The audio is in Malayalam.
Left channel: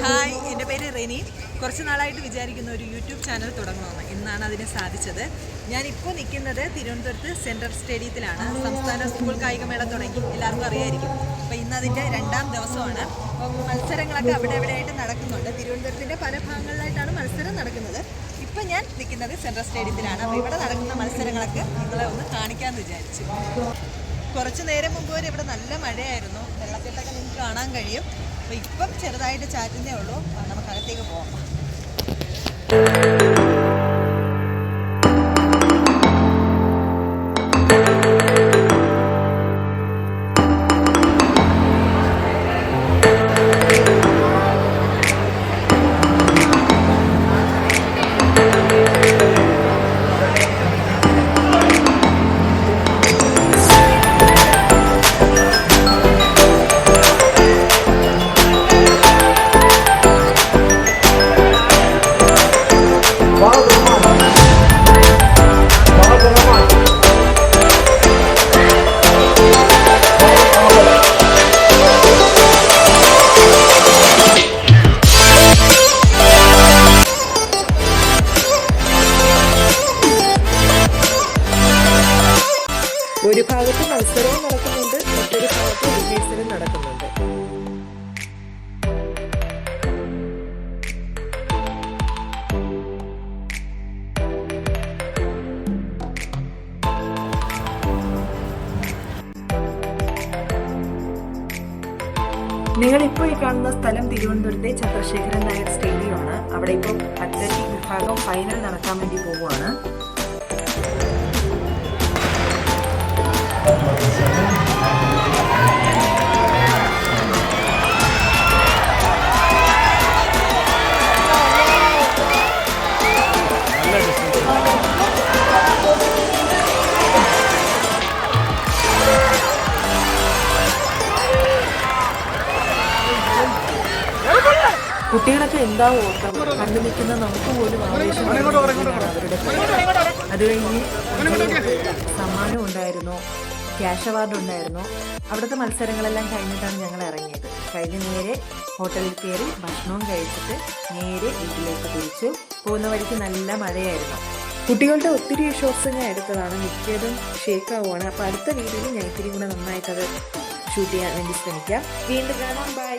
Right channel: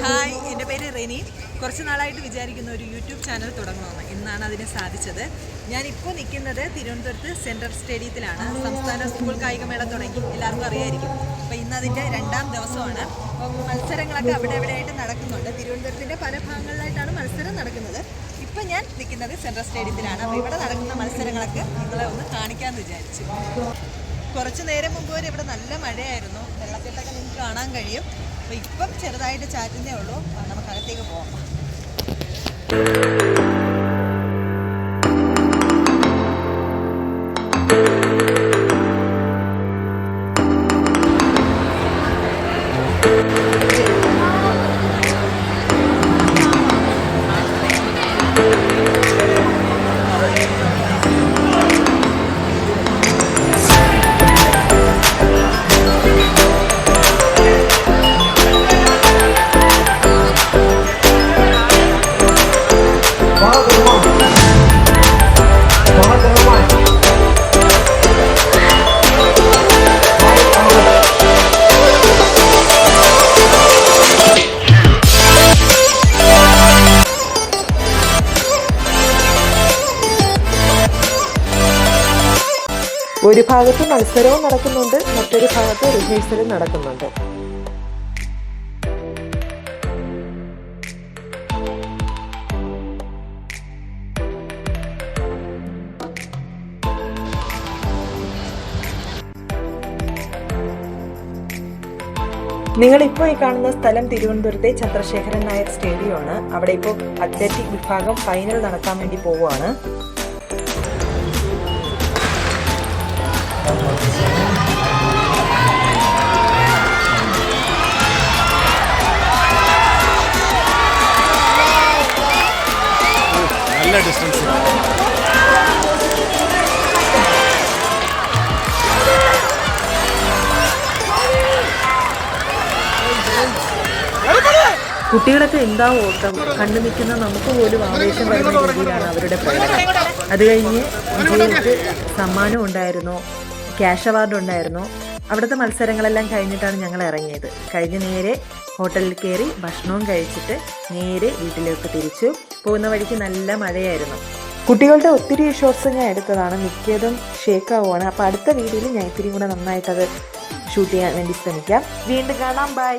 ഹായ്, എൻ്റെ പേര് റെനി. കുറച്ച് നാളായിട്ട് വിചാരിക്കുന്ന ഒരു യൂട്യൂബ് ചാനൽ തുടങ്ങണമെന്ന്. ഇന്നാണ് അതിന് സാധിച്ചത്. ഞാനിപ്പോൾ നിൽക്കുന്നത് തിരുവനന്തപുരത്ത് സെൻട്രൽ സ്റ്റേഡിയത്തിലാണ്. സംസ്ഥാന സ്കൂൾ കായികമേള തുടങ്ങി, എല്ലാവർക്കും അറിയായിരിക്കും. അപ്പോൾ ഇന്ന് അതിൻ്റെ 2ാം ദിവസമാണ്. അപ്പം മത്സരങ്ങളൊക്കെ അവിടെ എവിടെയായിട്ട് നടക്കുന്നുണ്ട്. തിരുവനന്തപുരത്തിൻ്റെ പല ഭാഗങ്ങളിലായിട്ടാണ് മത്സരം നടക്കുന്നത്. ഇപ്പം ഞാൻ നിൽക്കുന്നത് സെൻട്രൽ സ്റ്റേഡിയത്തിലാണ്. അപ്പോൾ ഇവിടെ നടക്കുന്ന മത്സരങ്ങളൊക്കെ നിങ്ങളെ ഒന്ന് കാണിക്കാമെന്ന് വിചാരിച്ചു. കുറച്ച് നേരം മുമ്പ് വരെ ഇവിടെ നല്ല മഴയായിരുന്നു. വെള്ളക്കെട്ടൊക്കെ നിങ്ങൾക്ക് കാണാൻ കഴിയും. അപ്പോൾ ഇപ്പം ചെറുതായിട്ട് ചാറ്റുന്നേ ഉള്ളൂ. നമുക്കകത്തേക്ക് പോകാം. ഒരു ഭാഗത്ത് മത്സരവും നടക്കുന്നുണ്ട്, മറ്റൊരു ഭാഗത്ത് റിഹേഴ്സലും നടക്കുന്നുണ്ട്. നിങ്ങളിപ്പോൾ ഈ കാണുന്ന സ്ഥലം തിരുവനന്തപുരത്തെ ചന്ദ്രശേഖരൻ നായർ സ്റ്റേഡിയമാണ്. അവിടെ ഇപ്പോൾ അത്ലറ്റിക് വിഭാഗം ഫൈനൽ നടക്കാൻ വേണ്ടി പോവുകയാണ്. കുട്ടികളൊക്കെ എന്താ ഓട്ടം കണ്ടു നിൽക്കുന്ന നമുക്ക് പോലും ആവേശം വരുന്ന രീതിയിലാണ് അവരുടെ പ്രകടനം. അത് കഴിഞ്ഞ് വിജയിക്ക് സമ്മാനം ഉണ്ടായിരുന്നു, ക്യാഷ് അവാർഡ് ഉണ്ടായിരുന്നു. അവിടുത്തെ മത്സരങ്ങളെല്ലാം കഴിഞ്ഞിട്ടാണ് ഞങ്ങൾ ഇറങ്ങിയത്. കഴിഞ്ഞ് നേരെ ഹോട്ടലിൽ കയറി ഭക്ഷണവും കഴിച്ചിട്ട് നേരെ വീട്ടിലേക്ക് തിരിച്ചു. പോകുന്ന വഴിക്ക് നല്ല മഴയായിരുന്നു. കുട്ടികളുടെ ഒത്തിരി ഷോട്ട്സ് ഞാൻ എടുത്തതാണ്, മിക്കതും ഷേക്കാവുകയാണ്. അപ്പോൾ അടുത്ത വീഡിയോയിൽ ഞാൻ ഇത്തിരി കൂടെ നന്നായിട്ടത് ഷൂട്ട് ചെയ്യാൻ വേണ്ടി ശ്രമിക്കാം. വീണ്ടും കാണാം, ബൈ.